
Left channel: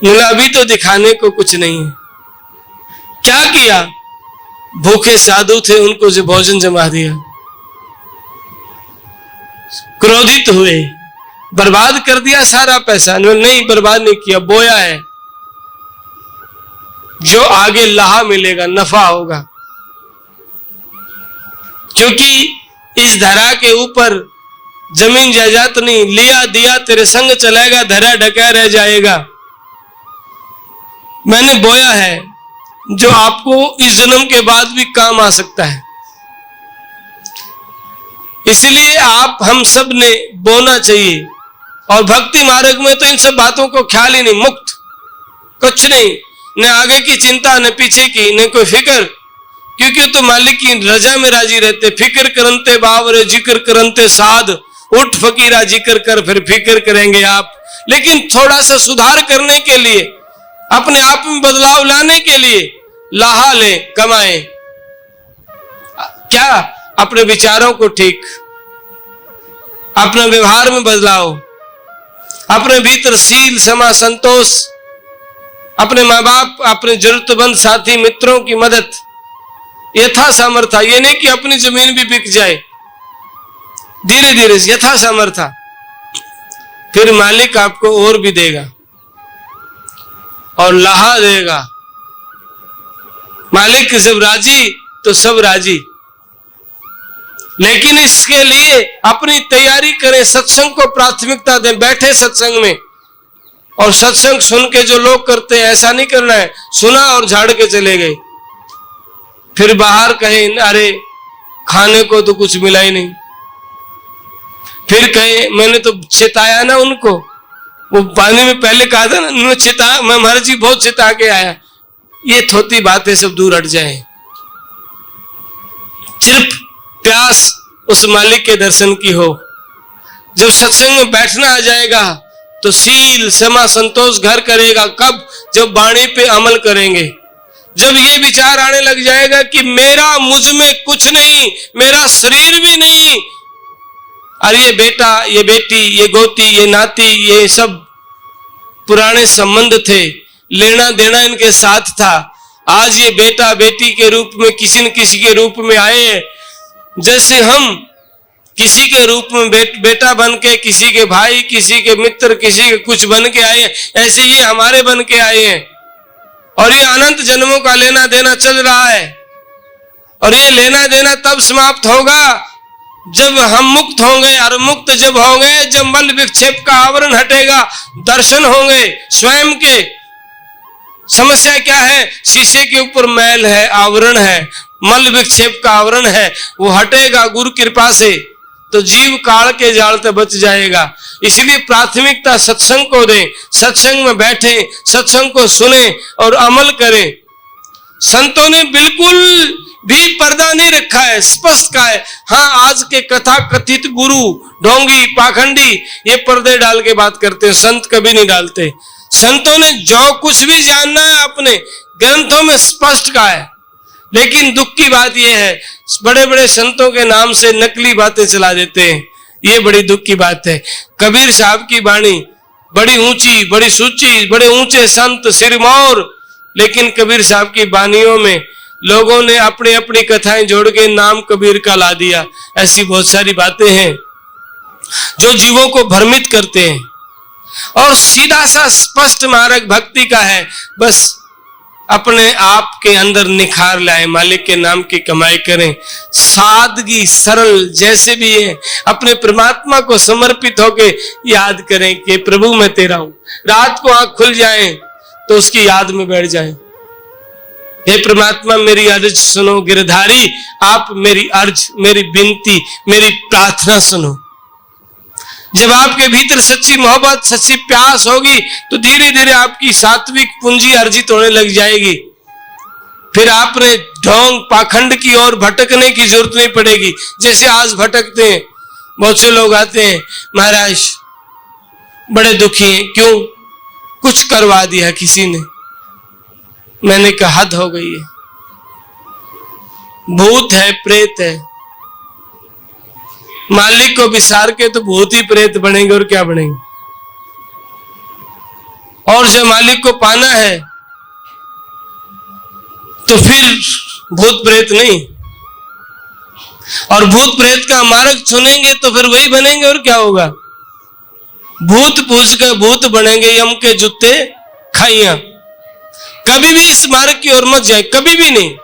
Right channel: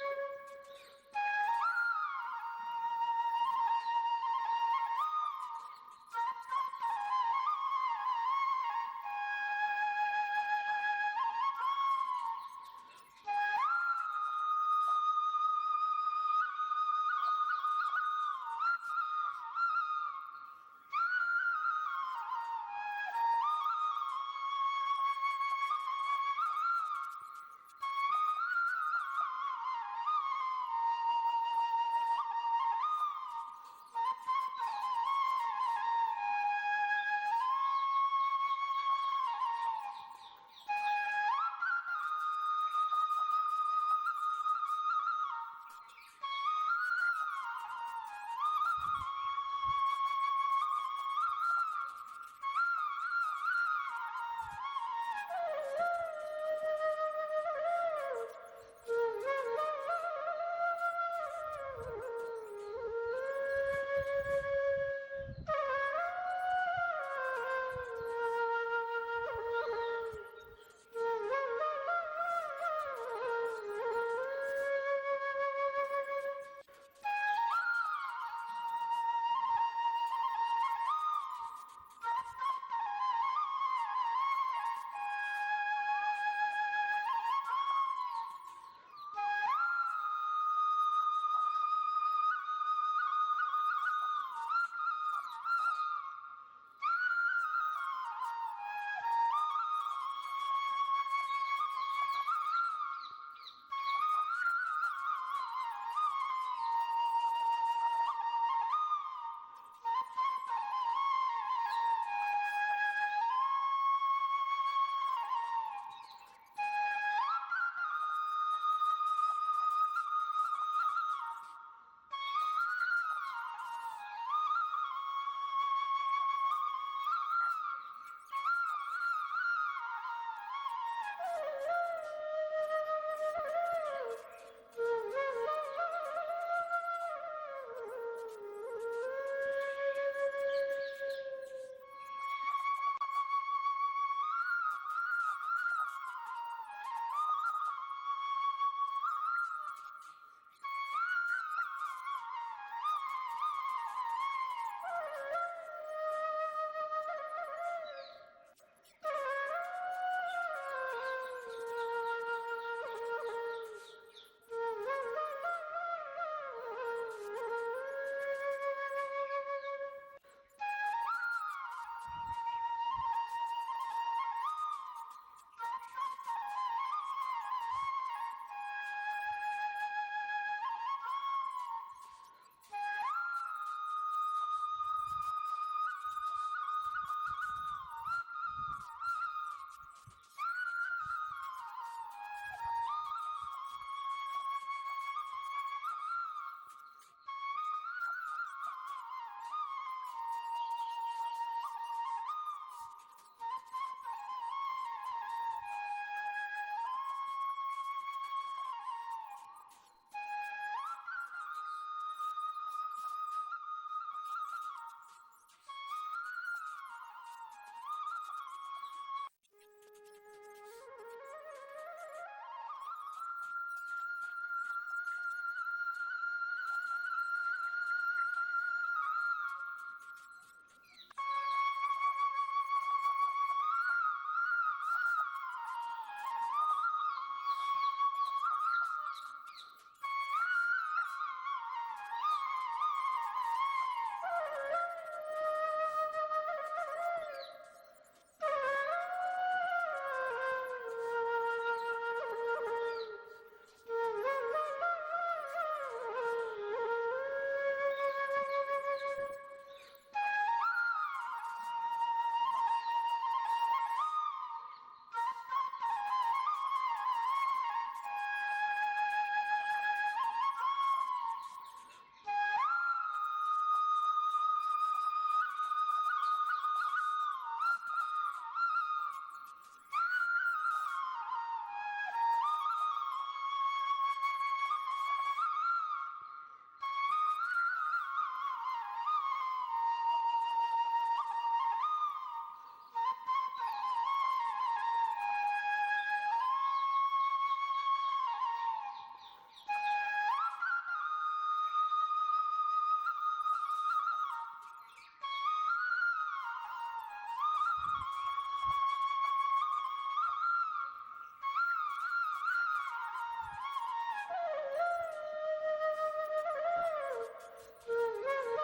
बोला अभी तो दिखाने को कुछ नहीं है। क्या किया? भूखे साधु थे, उनको जो भोजन जमा दिया। क्रोधित हुए, बर्बाद कर दिया सारा पैसा। नहीं, बर्बाद नहीं किया, बोया है, जो आगे लाहा मिलेगा, नफा होगा। क्योंकि इस धरा के ऊपर जमीन जायदाद नहीं, लिया दिया तेरे संग चलेगा, धरा ढका रह जाएगा। मैंने बोया है जो आपको इस जन्म के बाद भी काम आ सकता है। इसलिए आप हम सब ने बोना चाहिए। और भक्ति मार्ग में तो इन सब बातों को ख्याल ही नहीं, मुक्त, कुछ नहीं, न आगे की चिंता, न पीछे की, न कोई फिक्र, क्योंकि तो मालिक की रजा में राजी रहते। फिक्र करते बावरे जिक्र करते साध, उठ फकीरा जिक्र कर, फिर फिक्र करेंगे आप। लेकिन थोड़ा सा सुधार करने के लिए, अपने आप में बदलाव लाने के लिए लाहा ले, कमाए। क्या? अपने विचारों को ठीक, अपने व्यवहार में बदलाव, अपने भीतर सील क्षमा संतोष, अपने माँ बाप, अपने जरूरतमंद साथी मित्रों की मदद, यथा सामर्थ्य। ये नहीं कि अपनी जमीन भी बिक जाए, धीरे धीरे यथा सामर्थ्य, फिर मालिक आपको और भी देगा और लाहा देगा। मालिक जब राजी तो सब राजी। लेकिन इसके लिए अपनी तैयारी करें, सत्संग को प्राथमिकता दें। बैठे सत्संग में, और सत्संग सुन के जो लोग करते हैं, ऐसा नहीं करना है सुना और झाड़ के चले गए, फिर बाहर कहे अरे खाने को तो कुछ मिला ही नहीं, फिर कहे मैंने तो चिताया ना उनको, वो पानी में पहले कहा था ना, चिता मैं महाराज जी बहुत चिता के आया। ये थोती बातें सब दूर हट जाए। सिर्फ प्यास उस मालिक के दर्शन की हो। जब सत्संग में बैठना आ जाएगा तो सील क्षमा संतोष घर करेगा। कब? जब वाणी पे अमल करेंगे। जब ये विचार आने लग जाएगा कि मेरा मुझ में कुछ नहीं, मेरा शरीर भी नहीं, और ये बेटा, ये बेटी, ये गोती, ये नाती, ये सब पुराने संबंध थे, लेना देना इनके साथ था। आज ये बेटा बेटी के रूप में किसी न किसी के रूप में आए हैं। जैसे हम किसी के रूप में बेटा बन के, किसी के भाई, किसी के मित्र, किसी के कुछ बन के आए, ऐसे ये हमारे बन के आए हैं। और ये अनंत जन्मों का लेना देना चल रहा है। और ये लेना देना तब समाप्त होगा जब हम मुक्त होंगे। और मुक्त जब होंगे, जब मल विक्षेप का आवरण हटेगा, दर्शन होंगे स्वयं के। समस्या क्या है? शीशे के ऊपर मैल है, आवरण है, मल विक्षेप का आवरण है, वो हटेगा गुरु कृपा से। तो जीव काल के जाल से बच जाएगा। इसलिए प्राथमिकता सत्संग को दें, सत्संग में बैठे, सत्संग को सुने और अमल करें। संतों ने बिल्कुल भी पर्दा नहीं रखा है, स्पष्ट कहा है। हाँ, आज के कथा कथित गुरु, ढोंगी, पाखंडी ये पर्दे डाल के बात करते हैं, संत कभी नहीं डालते। संतों ने जो कुछ भी जानना है अपने ग्रंथों में स्पष्ट कहा है। लेकिन दुख की बात यह है, बड़े बड़े संतों के नाम से नकली बातें चला देते हैं। ये बड़ी दुख की बात है। कबीर साहब की वाणी बड़ी ऊंची, बड़ी सूची, बड़े ऊंचे संत सिरमौर, लेकिन कबीर साहब की वाणियों में लोगों ने अपनी अपनी कथाएं जोड़ के नाम कबीर का ला दिया। ऐसी बहुत सारी बातें हैं जो जीवों को भ्रमित करते हैं। और सीधा सा स्पष्ट मार्ग भक्ति का है। बस अपने आप के अंदर निखार लाए, मालिक के नाम की कमाई करें, सादगी सरल जैसे भी है अपने परमात्मा को समर्पित होके याद करें कि प्रभु मैं तेरा हूं। रात को आंख खुल जाए तो उसकी याद में बैठ जाए। हे परमात्मा मेरी अर्ज सुनो, गिरधारी आप मेरी अर्ज, मेरी विनती, मेरी प्रार्थना सुनो। जब आपके भीतर सच्ची मोहब्बत, सच्ची प्यास होगी तो धीरे धीरे आपकी सात्विक पूंजी अर्जित होने लग जाएगी। फिर आपने ढोंग पाखंड की ओर भटकने की जरूरत नहीं पड़ेगी। जैसे आज भटकते हैं, बहुत से लोग आते हैं, महाराज बड़े दुखी हैं, क्यों? कुछ करवा दिया किसी ने। मैंने कहा हद हो गई है, भूत है, प्रेत है, मालिक को विसार के तो भूत ही प्रेत बनेंगे और क्या बनेंगे। और जब मालिक को पाना है तो फिर भूत प्रेत नहीं, और भूत प्रेत का मार्ग चुनेंगे तो फिर वही बनेंगे और क्या होगा। भूत पूछ कर भूत बनेंगे, यम के जूते खाइया। कभी भी इस मार्ग की ओर मत जाए, कभी भी नहीं।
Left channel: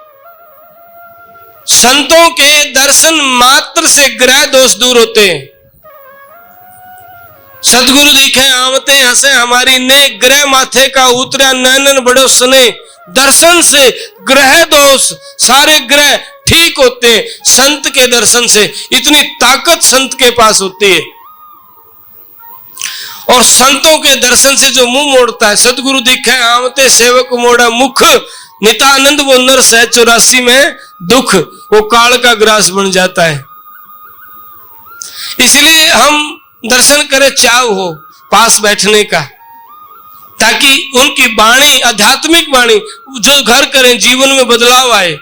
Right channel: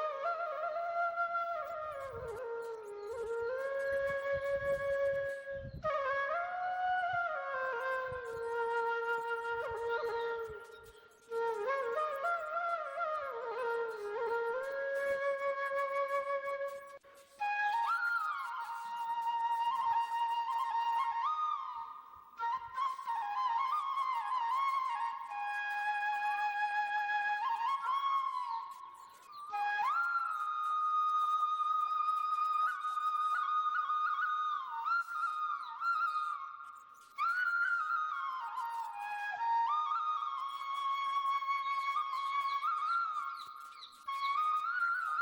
संतों के दर्शन मात्र से ग्रह दोष दूर होते हैं। सतगुरु दिखे आमते हंसे हमारी ने, ग्रह माथे का उतरा नैनन बड़ो सने। दर्शन से ग्रह दोष सारे ग्रह ठीक होते हैं। संत के दर्शन से इतनी ताकत संत के पास होती है। और संतों के दर्शन से जो मुंह मोड़ता है, सतगुरु दिखे आमते सेवक मोड़ा मुख, नितानंद वो नर सह 84 में दुख, वो काल का ग्रास बन जाता है। इसलिए हम दर्शन करें, चाव हो पास बैठने का, ताकि उनकी वाणी, आध्यात्मिक वाणी जो घर करें, जीवन में बदलाव आए।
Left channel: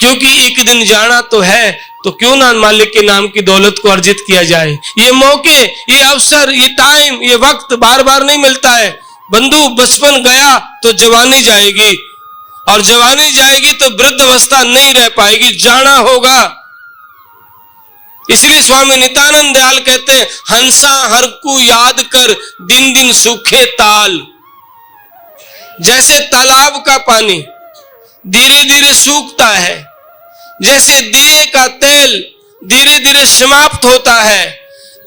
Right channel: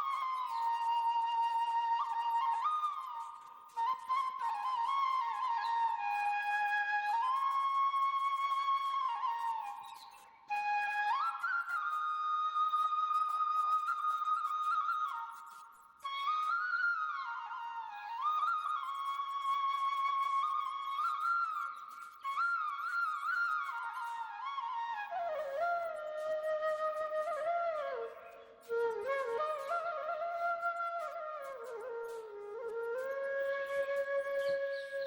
क्योंकि एक दिन जाना तो है, तो क्यों ना मालिक के नाम की दौलत को अर्जित किया जाए। ये मौके, ये अवसर, ये टाइम, ये वक्त बार बार नहीं मिलता है। बंधु बचपन गया तो जवानी जाएगी, और जवानी जाएगी तो वृद्ध अवस्था नहीं रह पाएगी, जाना होगा। इसलिए स्वामी नित्यानंद दयाल कहते हैं, हंसा हर को याद कर दिन दिन सूखे ताल। जैसे तालाब का पानी धीरे धीरे सूखता है, जैसे दिए का तेल धीरे धीरे समाप्त होता है,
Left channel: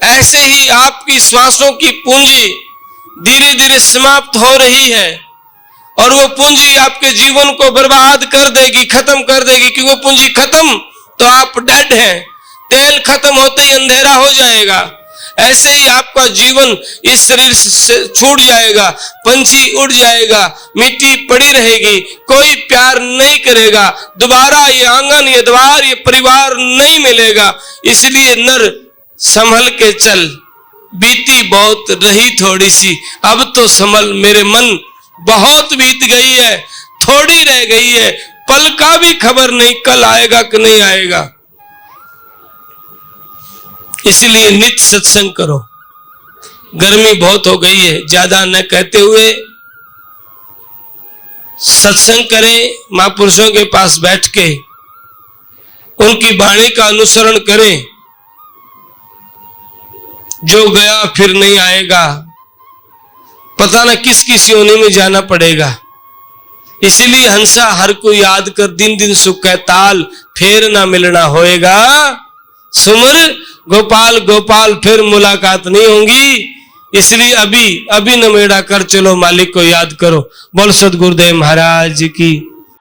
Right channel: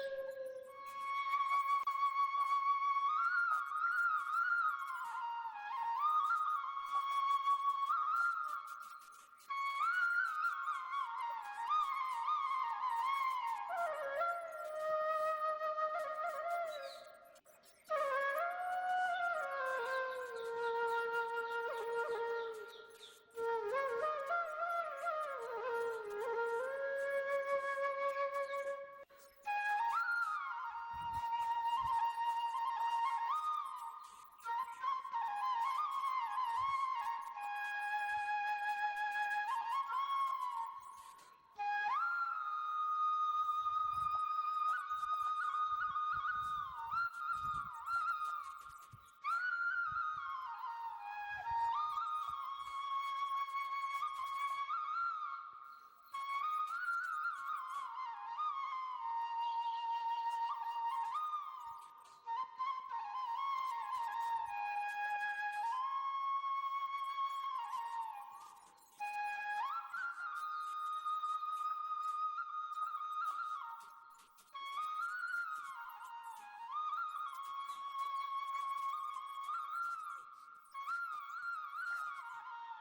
ऐसे ही आपकी श्वासों की पूंजी धीरे धीरे समाप्त हो रही है। और वो पूंजी आपके जीवन को बर्बाद कर देगी, खत्म कर देगी। क्योंकि वो पूंजी खत्म तो आप डेड हैं। तेल खत्म होते ही अंधेरा हो जाएगा। ऐसे ही आपका जीवन इस शरीर से छूट जाएगा, पंछी उड़ जाएगा, मिट्टी पड़ी रहेगी, कोई प्यार नहीं करेगा, दोबारा ये आंगन, ये द्वार, ये परिवार नहीं मिलेगा। इसलिए नर संभल के चल, बीती बहुत रही थोड़ी सी, अब तो संभल मेरे मन, बहुत बीत गई है, थोड़ी रह गई है, पल का भी खबर नहीं कल आएगा कि नहीं आएगा। इसलिए नित्य सत्संग करो। गर्मी बहुत हो गई है, ज्यादा न कहते हुए सत्संग करें। महापुरुषों के पास बैठ के उनकी वाणी का अनुसरण करें। जो गया फिर नहीं आएगा, पता न किस किस योनि में जाना पड़ेगा। इसीलिए हंसा हर को याद कर दिन दिन सुख है ताल, फिर ना मिलना होएगा। सुमर गोपाल गोपाल, फिर मुलाकात नहीं होगी। इसलिए अभी अभी नमेड़ा कर चलो, मालिक को याद करो। बोल सदगुरुदेव महाराज की।